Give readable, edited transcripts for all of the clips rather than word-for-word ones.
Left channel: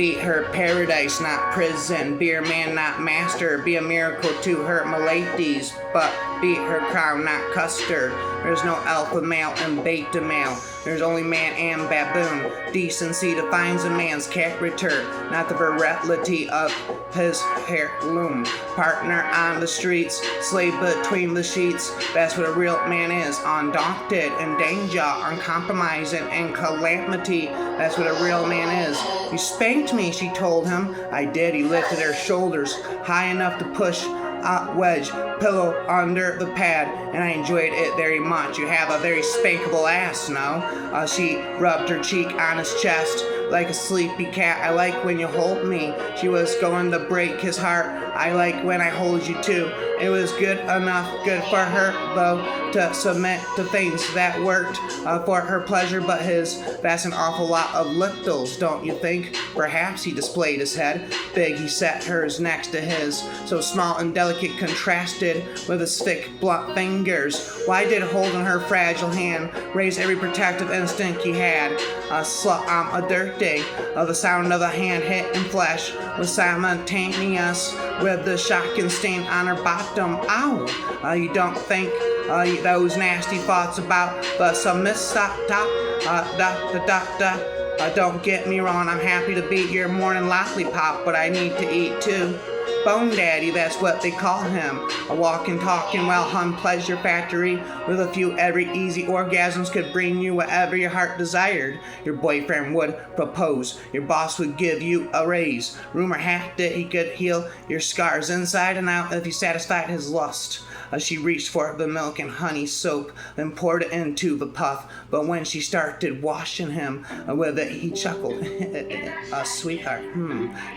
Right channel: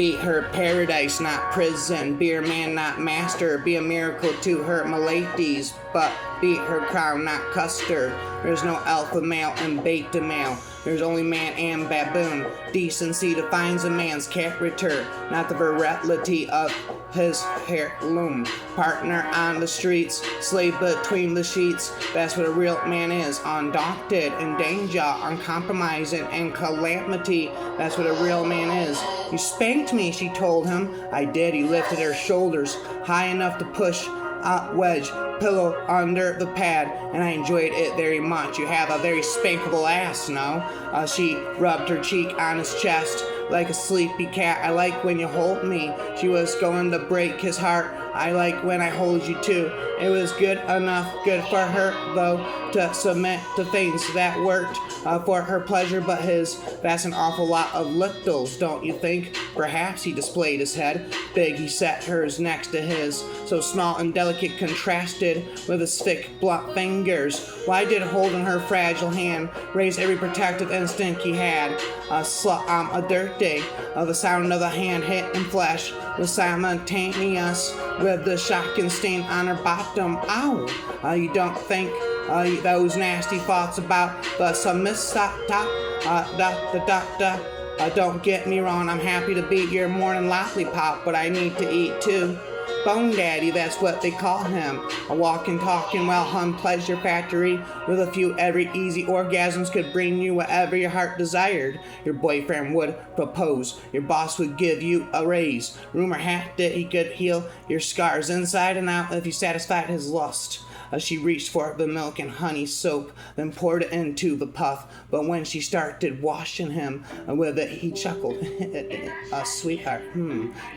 Be her paradise, not prison. Be her man, not master. Be a miracle to her miladies, but be her crown, not custard. There's no alpha male and beta male. There's only man and baboon. Decency defines a man's character, not the virility of his heirloom. Partner on the streets, slave between the sheets. That's what a real man is. Undaunted in danger, uncompromising in calamity. That's what a real man is. You spanked me, she told him. I did. He lifted her shoulders high enough to push a wedge pillow under the pad, and I enjoyed it very much. You have a very spankable ass, no? She rubbed her cheek on his chest like a sleepy cat. I like when you hold me. She was going to break his heart. I like when I hold you too. It was good enough, good for her though, to submit to things that worked for her pleasure but his. That's an awful lot of littles, don't you think? Perhaps. He displayed his head. Big, he set hers next to his, so small and delicate contrasted with his thick, blunt fingers. Why did holding her fragile hand raise every protective instinct he had? A slut on a dirt day. The sound of the hand hit in flesh was simultaneous with the shocking stain on her bottom. Ow! You don't think those nasty thoughts about the don't get me wrong, I'm happy to be your morning lollipop, but I need to eat too. Bone Daddy, that's what they call him. A walking, talking, well-hung pleasure factory with a few every easy orgasms could bring you whatever your heart desired. Your boyfriend would propose. Your boss would give you a raise. Rumor had it he could heal your scars inside and out if you satisfied his lust. She reached for the milk and honey soap, then poured it into the puff. But when she started washing him with it, he chuckled. Sweetheart,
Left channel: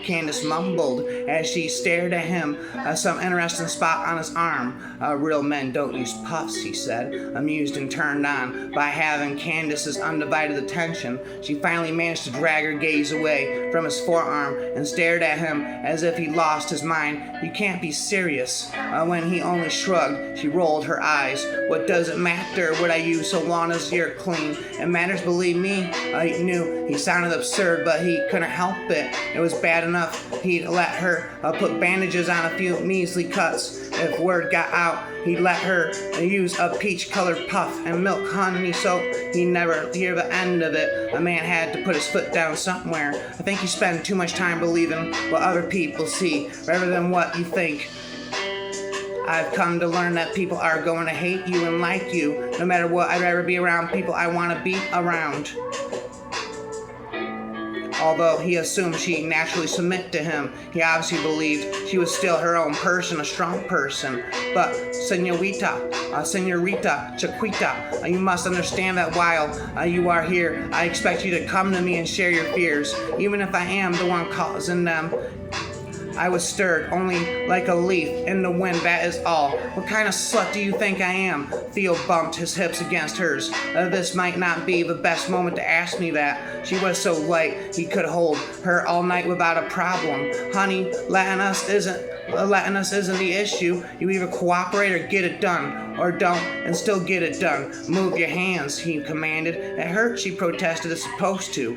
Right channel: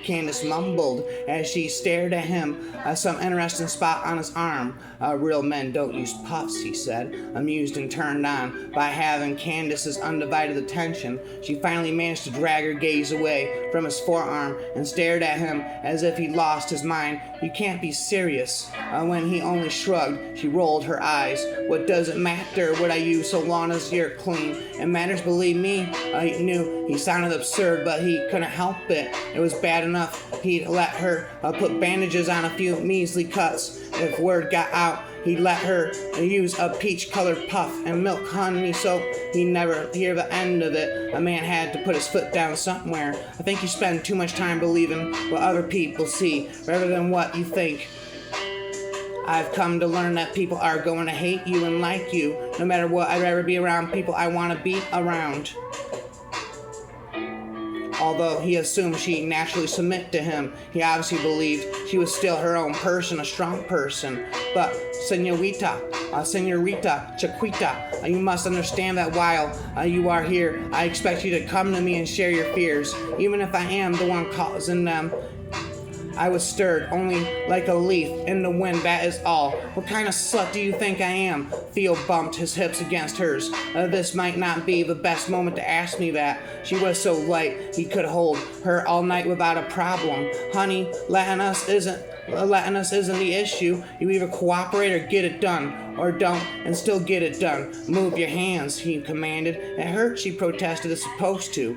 Candace mumbled as she stared at him, some interesting spot on his arm. Real men don't use puffs, he said, amused and turned on by having Candace's undivided attention. She finally managed to drag her gaze away from his forearm and stared at him as if he lost his mind. You can't be serious. When he only shrugged, she rolled her eyes. What does it matter what I use so long as you're clean? It matters, believe me. He knew he sounded absurd, but he couldn't help it. It was bad enough he'd let her put bandages on a few measly cuts. If word got out, he'd let her use a peach-colored puff and milk honey soap. He'd never hear the end of it. A man had to put his foot down somewhere. I think you spend too much time believing what other people see rather than what you think. I've come to learn that people are going to hate you and like you. No matter what, I'd rather be around people I want to be around. Although he assumed she'd naturally submit to him, he obviously believed she was still her own person, a strong person. But, Senorita, Chiquita, you must understand that while you are here, I expect you to come to me and share your fears, even if I am the one causing them. I was stirred, only like a leaf in the wind, that is all. What kind of slut do you think I am? Theo bumped his hips against hers. This might not be the best moment to ask me that. She was so light, he could hold her all night without a problem. Honey, letting us isn't the issue. You either cooperate or get it done, or don't and still get it done. Move your hands, he commanded. It hurt, she protested, it's supposed to.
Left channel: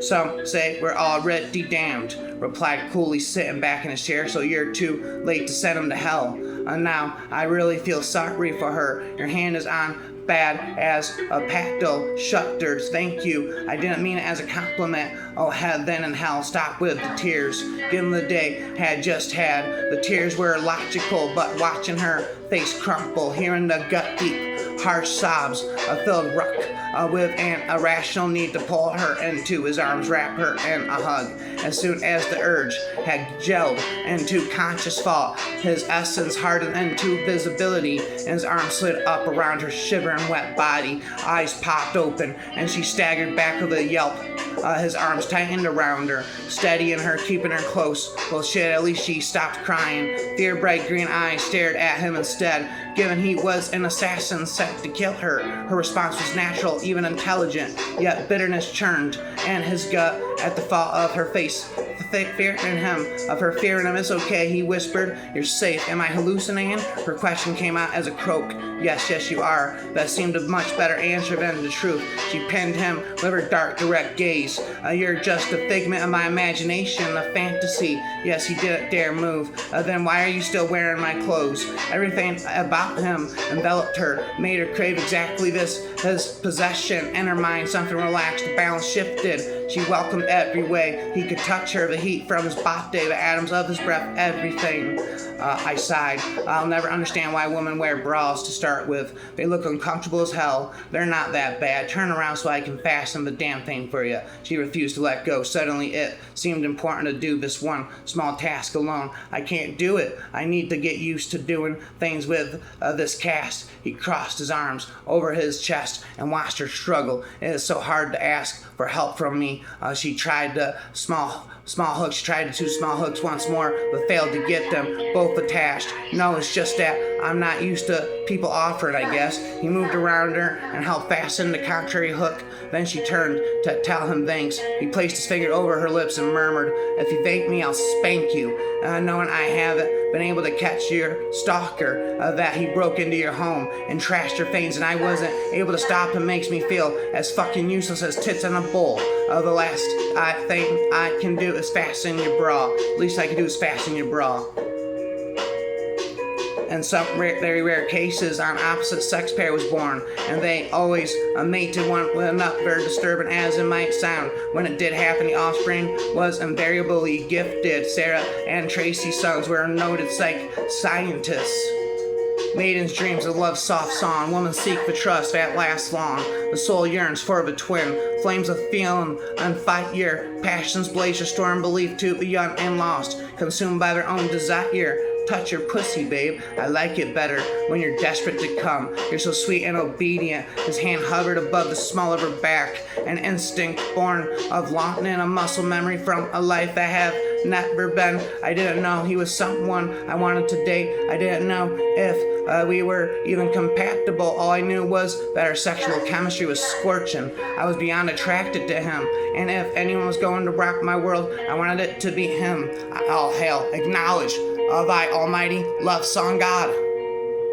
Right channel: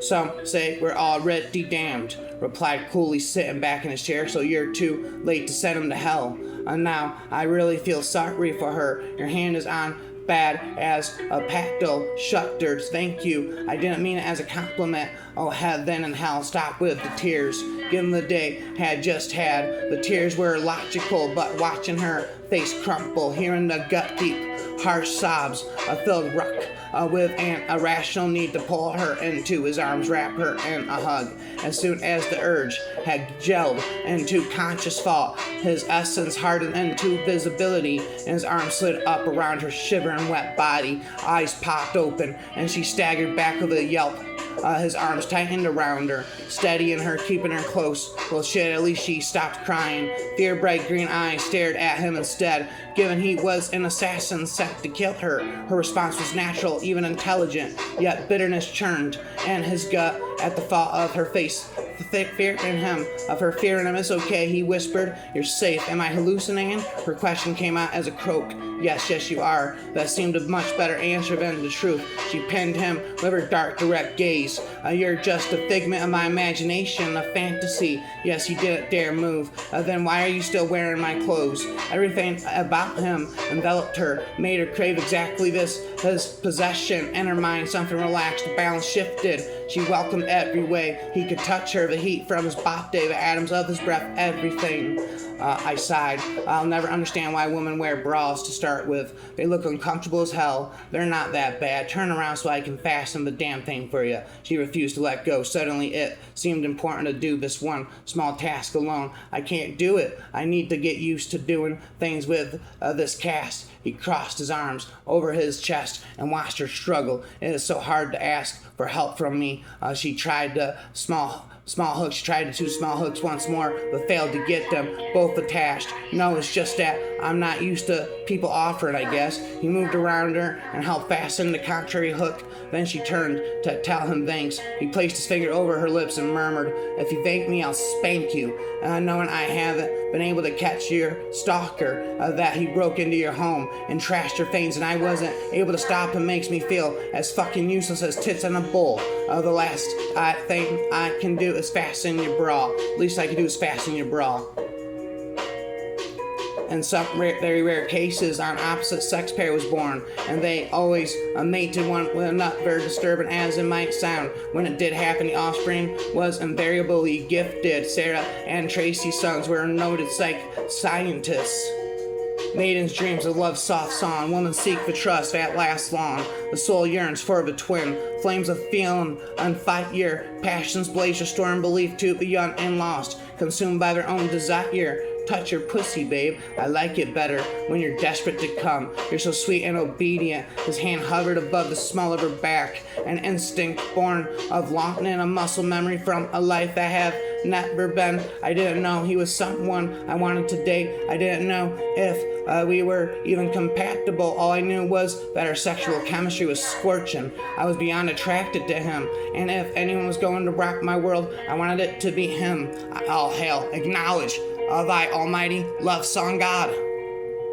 Some say we're already damned, replied coolly, sitting back in his chair, so you're too late to send him to hell. Now, I really feel sorry for her. Your hand is on bad as a pacto shutters. Thank you. I didn't mean it as a compliment. Oh, heaven and hell, stop with the tears. Given the day had just had, the tears were logical, but watching her face crumple, hearing the gut-deep, harsh sobs, filled Ruck with an irrational need to pull her into his arms, wrap her in a hug. As soon as the urge had gelled into conscious thought, his essence hardened into visibility, and his arms slid up around her shivering wet body. Eyes popped open, and she staggered back with a yelp. His arms tightened around her, steadying her, keeping her close. Well, shit, at least she stopped crying. Fear-bright green eyes stared at him instead. given he was an assassin sent to kill her. Her response was natural, even intelligent, yet bitterness churned in his gut at the thought of her face. Fear in him, of her fear in him. It's okay, he whispered. You're safe. Am I hallucinating? Her question came out as a croak. Yes, you are. That seemed a much better answer than the truth. She pinned him with her dark, direct gaze. You're just a figment of my imagination, a fantasy. Yes, he didn't dare move. Then why are you still wearing my clothes? Everything about him enveloped her, made her crave exactly this, his possession. In her mind, something relaxed, the balance shifted. She welcomed every way he could touch her, the heat from his body, the atoms of his breath, everything. I sighed. I'll never understand why women wear bras to start with. They look uncomfortable as hell. They're not that bad. Turn around so I can fasten the damn thing for you. She refused to let go. Suddenly it seemed important to do this one small task alone. I can't do it. I need to get used to doing things with this cast. He crossed his arms over his chest and watched her struggle. It is so hard to ask for help from me. She tried the small hooks. She tried the 2 small hooks once more, but failed to get them both attached. No, it's just that I'm not used to people offering, I guess. He moved around her and helped fasten the contrary hook. Then she turned to tell him thanks. He placed his finger over her lips and murmured, if you thank me, I'll spank you. Knowing I haven't been able to catch your stalker, that he broke into your home and trashed your things, and I wasn't able to stop him makes me feel as fucking useless as tits in a bowl. The last thing I can do is fasten your bra. Least I can do is fasten your bra. In some very rare cases, an opposite sex pair was born, and they always mated one with enough, very disturbing as it might sound. When it did happen, the offspring was invariably gifted. Sarah and Tracy's sons were noted scientists. Maidens' dreams of love's soft song. Women seek for trust that lasts long. The soul yearns for the twin. Flames of feeling unfight your passions blaze your storm belief to the young and lost, consumed by their own desire. Touch your pussy, babe. I like it better when you're desperate to come. You're so sweet and obedient. His hand hovered above the small of her back. An instinct born of longing, a muscle memory from a life that have never been. I didn't know he was someone I wanted to date. I didn't know if we were even compatible. All I knew was that our sexual chemistry was scorching. I was beyond attracted to him. And if anyone was going to rock my world, I wanted it to be him. All hail, acknowledge thy almighty love song God.